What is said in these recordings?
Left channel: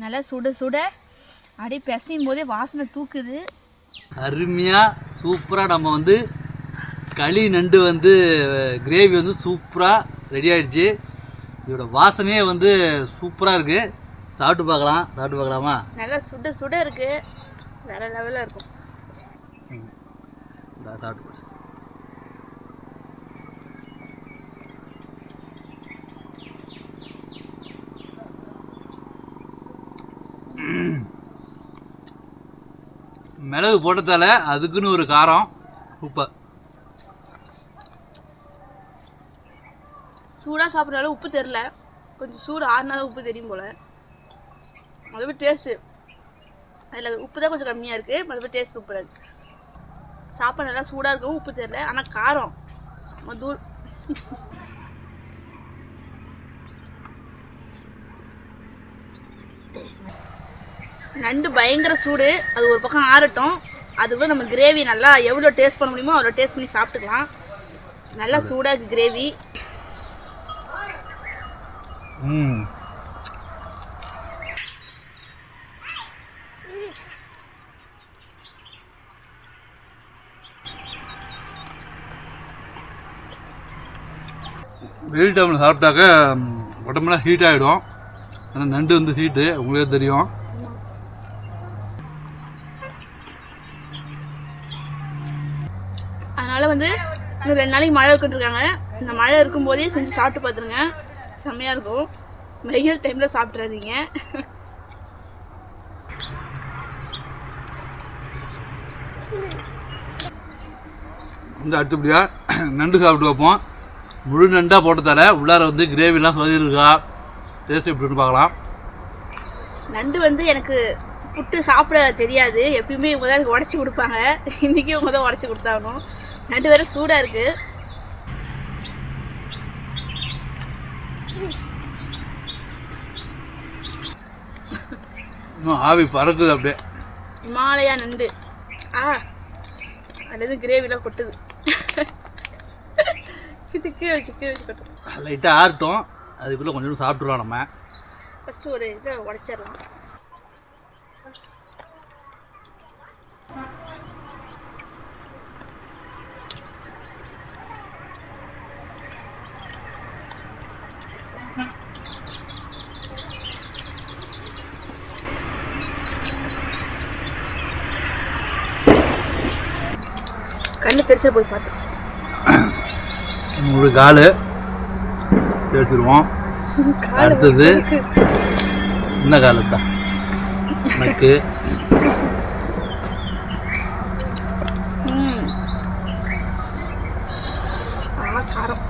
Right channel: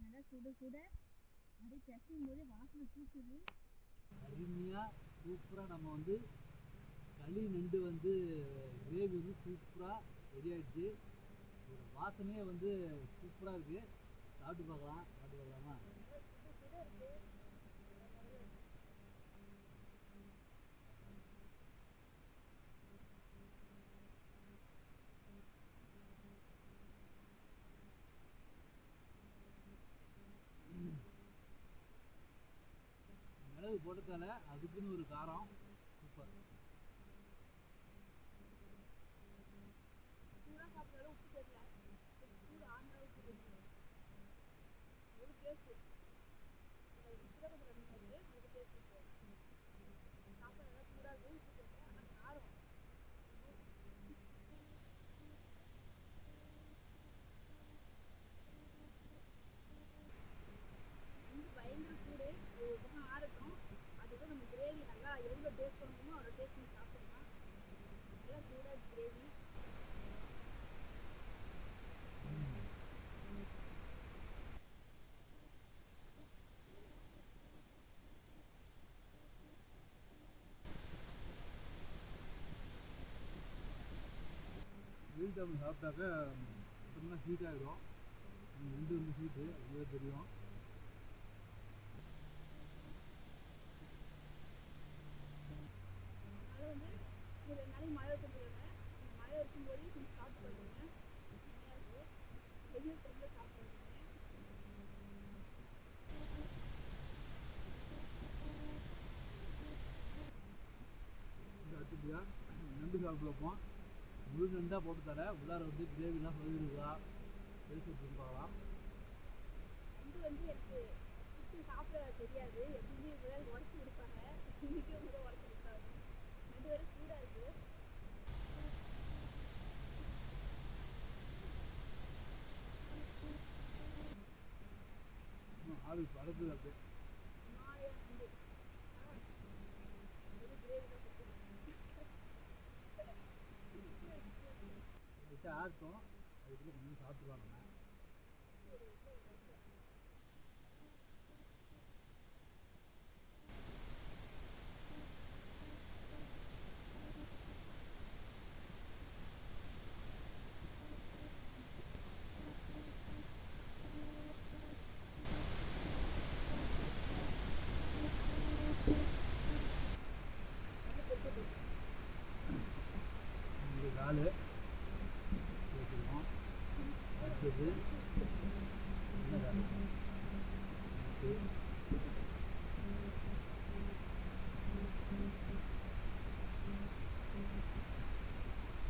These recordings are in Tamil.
நல்லா சுட சுட அப்படியே பிசையும் போதே வாசனை தூக்குது. அருமையாக சூப்பராக நம்ம வந்து களி நண்டு வந்து கிரேவி வந்து சூப்பராக ரெடி ஆகிடுச்சு. இதோட வாசனையே வந்து சூப்பராக இருக்குது. சாப்பிட்டு பார்க்கலாமா? நல்லா சுட சுட இருக்குது, வேறு லெவலில் இருக்கும். சாப்பிட்டு மிளகு போட்டதால அதுக்குன்னு ஒரு காரம் சூப்பர். சூடாக சாப்பிட்றாலும் உப்பு தெரில, கொஞ்சம் சூடு ஆறுனாலும் உப்பு தெரியும் போல். மறுபடியும் டேஸ்ட்டு அதில் உப்பு தான் கொஞ்சம் கம்மியாக இருக்குது, மறுபடியும் டேஸ்ட் சூப்பராக இருக்குது. சாப்பாடு நல்லா சூடாக இருக்கும், உப்பு தெரில, ஆனால் காரம் தூள். நண்டு பயங்கர சூடு, அது ஒரு பக்கம் ஆறட்டும். அதுக்குள்ள நம்ம கிரேவி நல்லா எவ்வளோ டேஸ்ட் பண்ண முடியுமோ அவ்வளோ டேஸ்ட் பண்ணி சாப்பிட்டுக்கலாம். நல்லா சூடாக இருக்குது கிரேவி. வெயில் டைமில் சாப்பிட்டாக்க உடம்புலாம் ஹீட் ஆகிடும். ஆனால் நண்டு வந்து ஹீட்டு உங்களுக்கே தெரியும். அதனால் வந்து இன்னும் 2 நாளைக்கு மழை இருக்குன்ட்ருக்காங்க. இந்த மழை இருக்கும்போதே செஞ்சு சாப்பிட்டு பார்த்துருங்க, செம்மையாக இருக்கும். வெயில் டைமில் சாப்பிட்றாதீங்க. வந்து அடுத்தபடியாக நண்டு சாப்பிட்டு வைப்போம். முழு நண்டாக போட்டு தர உள்ளார வந்து கிரேவிலாம் சொல்லியிருக்கா, டேஸ்ட் எப்படின்னு பார்க்கலாம். நண்டு வந்து எனக்கு புட்டு சாப்பிட தெரியாது, எப்பயுமே இவங்க தான் எனக்கு உடச்சி கொடுப்பாங்க. இன்றைக்கி இவங்க தான் உடச்சி கொடுத்தாகணும். நண்டு வேறு சூடாக இருக்குது. இன்னும் ஆவி பறக்குது அப்படியே. இமாலயா நண்டு. அது கிரேவிலாம் கொட்டுது. கீழே வச்சு கொட்டும். லைட்டாக ஆறட்டும், அதுக்குள்ளே கொஞ்சம் சாப்பிட்ருவோம். நம்ம ஃபஸ்ட்டு ஒரு இதை உடச்சிடலாம். கண்ணு தெரிச்சா போய் பார்த்து ஒரு கால் எடுத்துருவோம். அடுத்தது என்ன கால் தான் எனக்கு காரம்.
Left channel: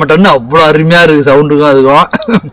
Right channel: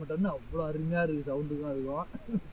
மட்டன்னு அவ்வளோ அருமையாக இருக்குது சவுண்டுக்கும் அதுக்கும்.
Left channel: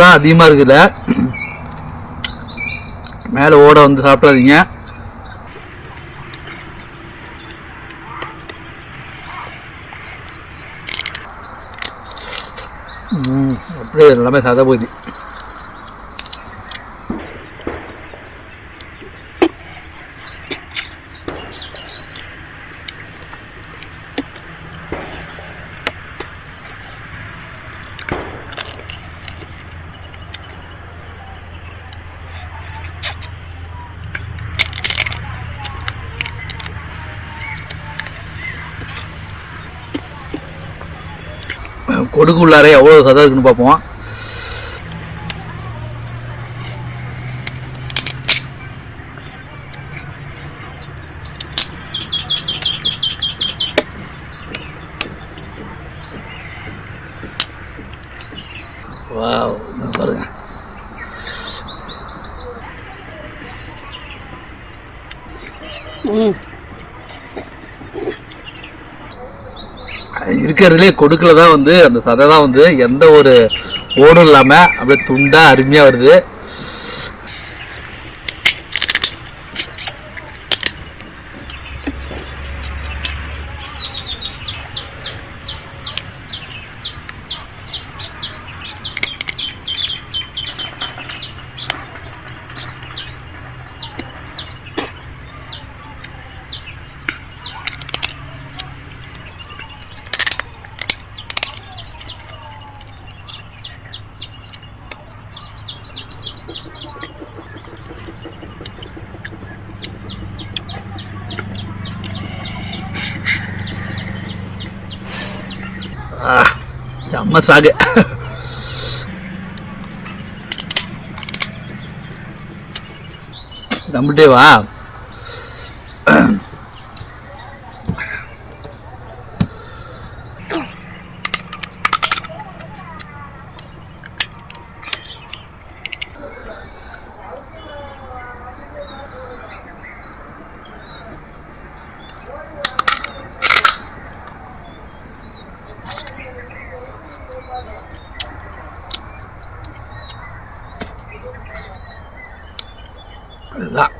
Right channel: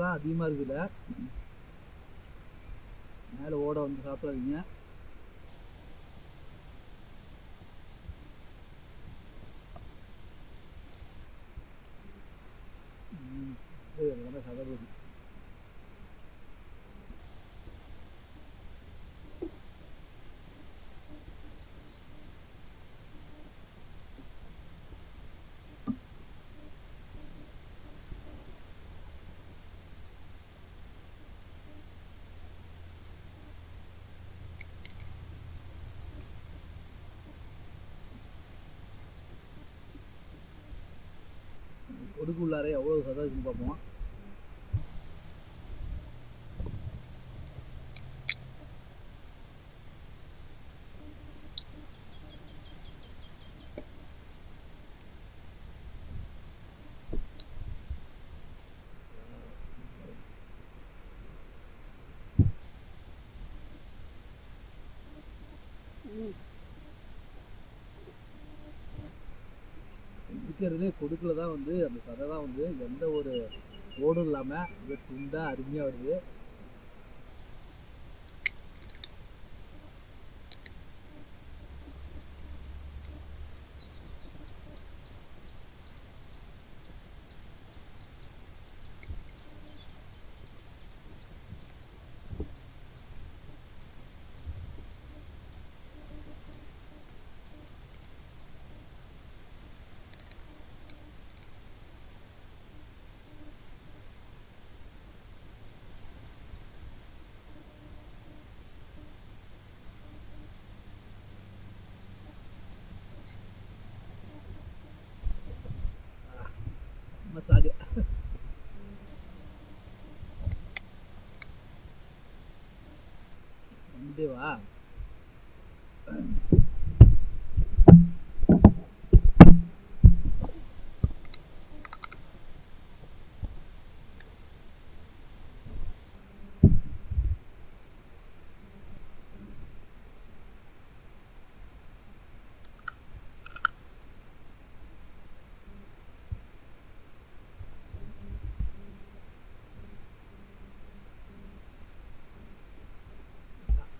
தான் அதிகமாக இருக்குல்ல, மேலே ஓட வந்து சாப்பிடாதீங்க. அப்படியே எல்லாமே சாதா போகுது. கொடுக்குள்ளாரே எவ்வளோ சதம் இருக்குன்னு பார்ப்போம். வாவ், பாருங்க. இருக்கிறதுலே கொடுக்கல தான் வந்து அந்த சதை தான் வந்து எந்த ஒரு ஓடும் இல்லாமல் அப்படியே துண்டா அருமையாக வருது. செம்ம சாகு. நம்பிட்டே வா. இதுதான்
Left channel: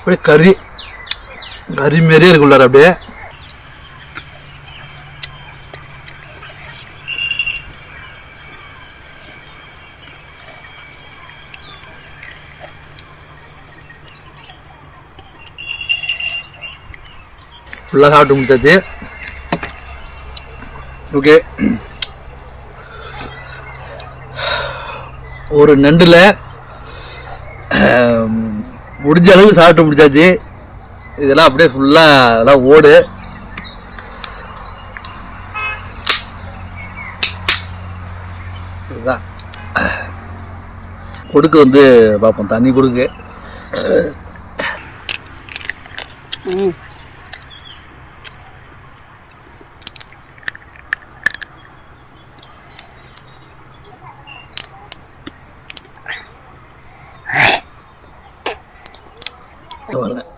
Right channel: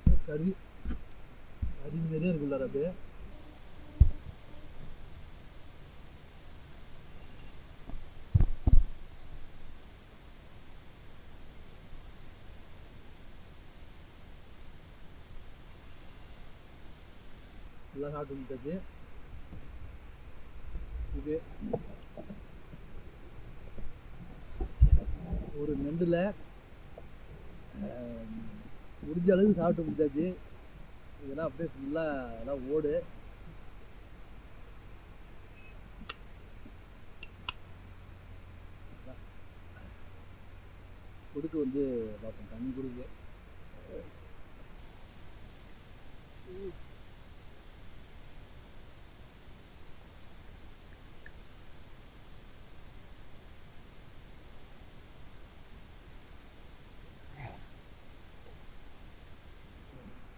அப்படியே கறி கறி மாரியே இருக்குள்ளார. அப்படியே ஃபுல்லாக சாப்பிட்டு முடிச்சாச்சு. ஓகே, ஒரு நண்டில் முடிஞ்ச அளவுக்கு சாப்பிட்டு முடிச்சாச்சு. இதெல்லாம் அப்படியே ஃபுல்லாக அதெல்லாம் ஓடு. இதுதான் கொடுக்கு வந்து பார்ப்போம். தண்ணி கொடுக்கு.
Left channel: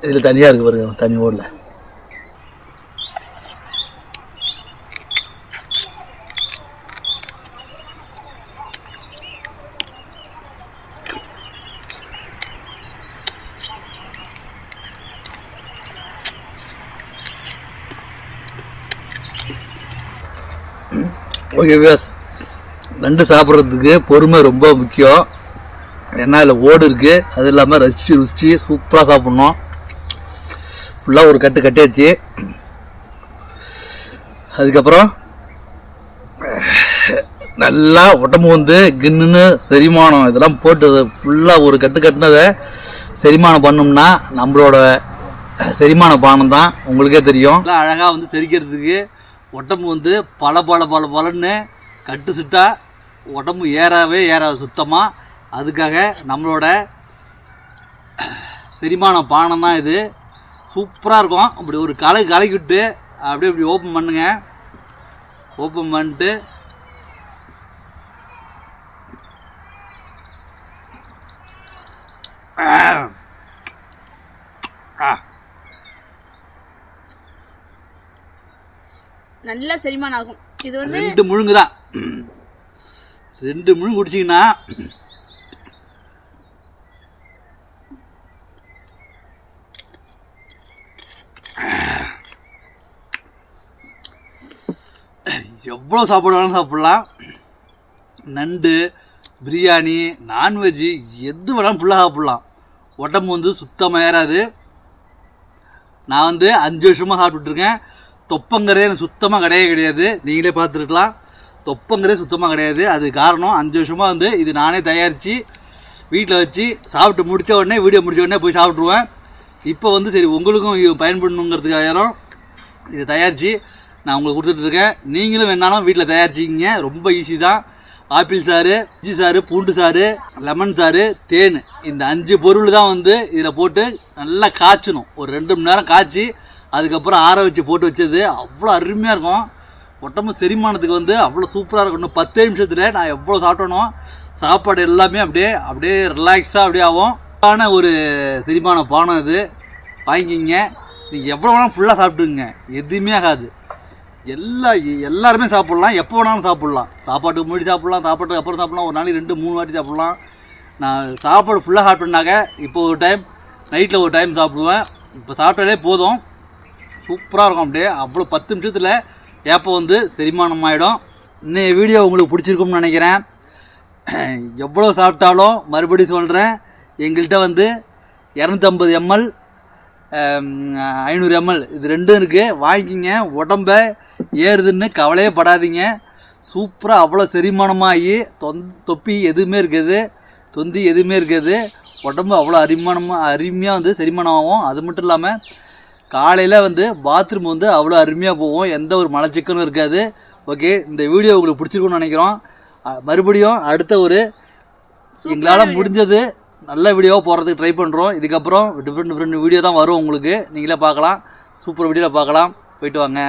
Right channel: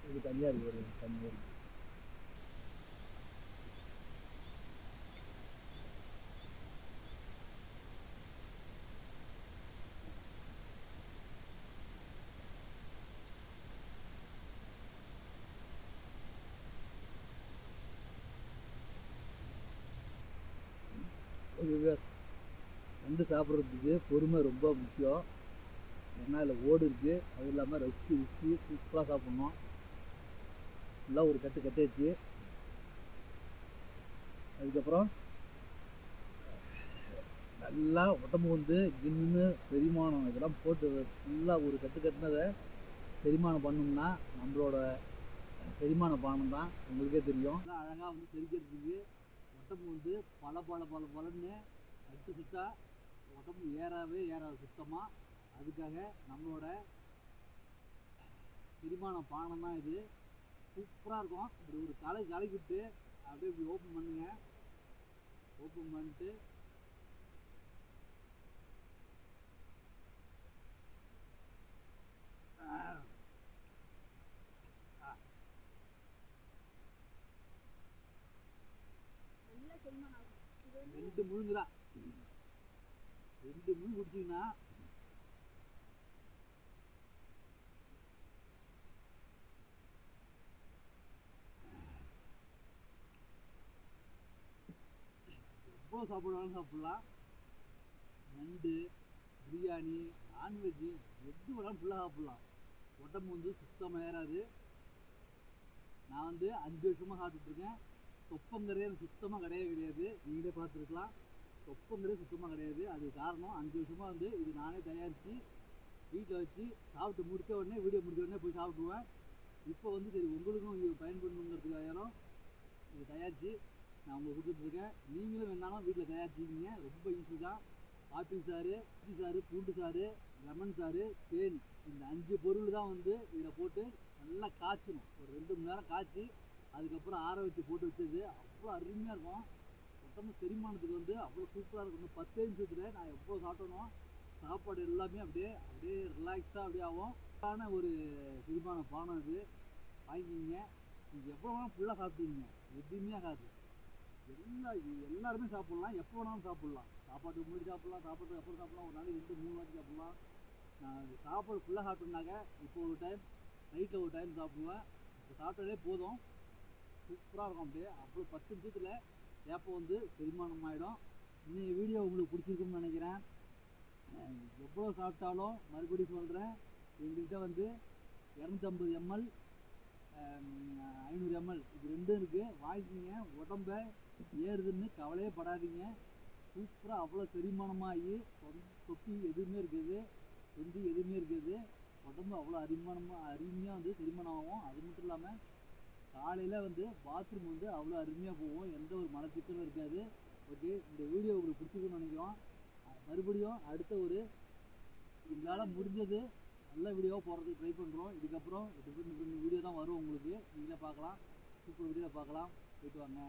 இதில் தனியாக இருக்குது பாருங்க, தண்ணி ஓடல. ஓகே வியூவர்ஸ், நண்டு சாப்பிட்றதுக்கு பொறுமை ரொம்ப முக்கியம். ஏன்னா இதில் ஓடு இருக்குது. அது இல்லாமல் ரசித்து ருசித்து சூப்பராக சாப்பிட்ணும். ஃபுல்லாக ஒரு கட்டு கட்டியாச்சு. அதுக்கப்புறம் நல்லா உடம்பு வந்து கின்னுன்னு செரிமானம் இதெல்லாம் போட்டு ஃபுல்லாக ஒரு கட்டு கட்டினதை செரிமானம் பண்ணோம்னா நம்மளோட செரிமான பானம் தான் உங்களுக்கே தெரியும். அழகாக வந்து செரிக்கிறதுக்கு உடம்பு வந்து பலன்னு கட்டு சுட்டா உடம்பு ஏறாது சுத்தமாக. அதுக்காக நம்மளோட செரிமான பானம் தான் இது. சூப்பராக இருக்கும். அப்படி ஒரு கலக்கிவிட்டு அப்படியே ஓப்பன் பண்ணுங்க. ஓப்பன் பண்ணிட்டு நல்லா செரிமானம் ஆகும். இது வந்து 2 முழுங்கு தான். 2 முழுங்கு குடிச்சிங்கன்னா எவ்வளோ சாப்பாடு வேணாலும் சாப்பிட்லாம். நண்டு, பிரியாணி, நான்வெஜ்ஜு எது வேணாலும் ஃபுல்லாக சாப்பிட்லாம். உடம்பு வந்து சுத்தமாக ஏறாது. நான் வந்து 5 வருஷமாக சாப்பிட்டுட்ருக்கேன். தொப்பங்கிறதே எனக்கு சுத்தமாக கிடையாது. நீங்களே பார்த்துருக்கலாம். தொப்பங்கிறதே சுத்தமாக கிடையாது. அது காரணம் 5 வருஷமாக வந்து இது நானே தயாரித்து வீட்டில் வச்சு சாப்பிட்டு முடித்த உடனே வீடியோ முடித்த உடனே போய் சாப்பிட்ருவேன். இப்போ வந்து சரி உங்களுக்கும் பயன்படணுங்கிறதுக்காக இதை தயாரித்து நான் உங்களுக்கு கொடுத்துட்ருக்கேன். நீங்களும் வேணாலும் வீட்டில் தயாரிச்சிக்கிங்க. ரொம்ப ஈஸி தான். ஆப்பிள் சாறு, இஞ்சி சாறு, பூண்டு சாறு, லெமன் சாறு, தேன், இந்த 5 பொருள் தான் வந்து இதில் போட்டு நல்லா காய்ச்சணும். ஒரு 2 மணி நேரம் காய்ச்சி அதுக்கப்புறம் ஆற வச்சு போட்டு வச்சது அவ்வளோ அருமையாக இருக்கும். உடம்பு செரிமானத்துக்கு வந்து அவ்வளோ சூப்பராக இருக்கும். இன்னும் 10 நிமிஷத்தில் நான் எவ்வளோ சாப்பிட்டனோ சாப்பாடு எல்லாமே அப்படியே ரிலாக்ஸாக அப்படியே ஆகும். ஒரு செரிமான பானம் இது. வாங்கிக்கிங்க. நீங்கள் எவ்வளோ வேணாலும் ஃபுல்லாக சாப்பிட்டுங்க. எதுவுமே ஆகாது. எல்லாருமே சாப்பிட்லாம். எப்போ வேணாலும் சாப்பிட்லாம். சாப்பாட்டுக்கு முன்னாடி சாப்பிட்லாம், சாப்பாட்டுக்கு அப்புறம் சாப்பிட்லாம், ஒரு நாளைக்கு 2-3 வாட்டி சாப்பிட்லாம். நான் சாப்பாடு ஃபுல்லாக சாப்பிட்டேன்னாக்க இப்போ ஒரு டைம் நைட்டில் ஒரு டைம் சாப்பிடுவேன். இப்போ சாப்பிட்டாலே போதும். சூப்பராக இருக்கும். அப்படியே அவ்வளோ 10 நிமிஷத்தில் ஏப்போ வந்து செரிமானம் ஆகிடும். இன்னும் வீடியோ உங்களுக்கு பிடிச்சிருக்கும்னு நினைக்கிறேன். எவ்வளோ சாப்பிட்டாலும் மறுபடியும் சொல்கிறேன், எங்கள்கிட்ட வந்து 250 ml 500 ml இது 2 இருக்குது. வாங்கிக்கிங்க. உடம்ப ஏறுதுன்னு கவலையே படாதீங்க. சூப்பராக அவ்வளோ செரிமானமாகி தொப்பி எதுவுமே இருக்காது, தொந்தி எதுவுமே இருக்காது. உடம்பு அவ்வளோ அருமையாக வந்து செரிமானம் ஆகும். அது மட்டும் இல்லாமல் காலையில் வந்து பாத்ரூம் வந்து அவ்வளோ அருமையாக போகும். எந்த ஒரு மலச்சிக்கலும் இருக்காது. ஓகே, இந்த வீடியோ உங்களுக்கு பிடிச்சிருக்குன்னு நினைக்கிறோம். மறுபடியும் அடுத்த ஒரு எங்களால் முடிஞ்சது நல்ல வீடியோவாக போடுறதுக்கு ட்ரை பண்ணுறோம். இதுக்கப்புறம் டிஃப்ரெண்ட் வீடியோ தான் வரும் உங்களுக்கு. நீங்களே பார்க்கலாம். சூப்பர் வீடியோவில் பார்க்கலாம். போயிட்டு வாங்க.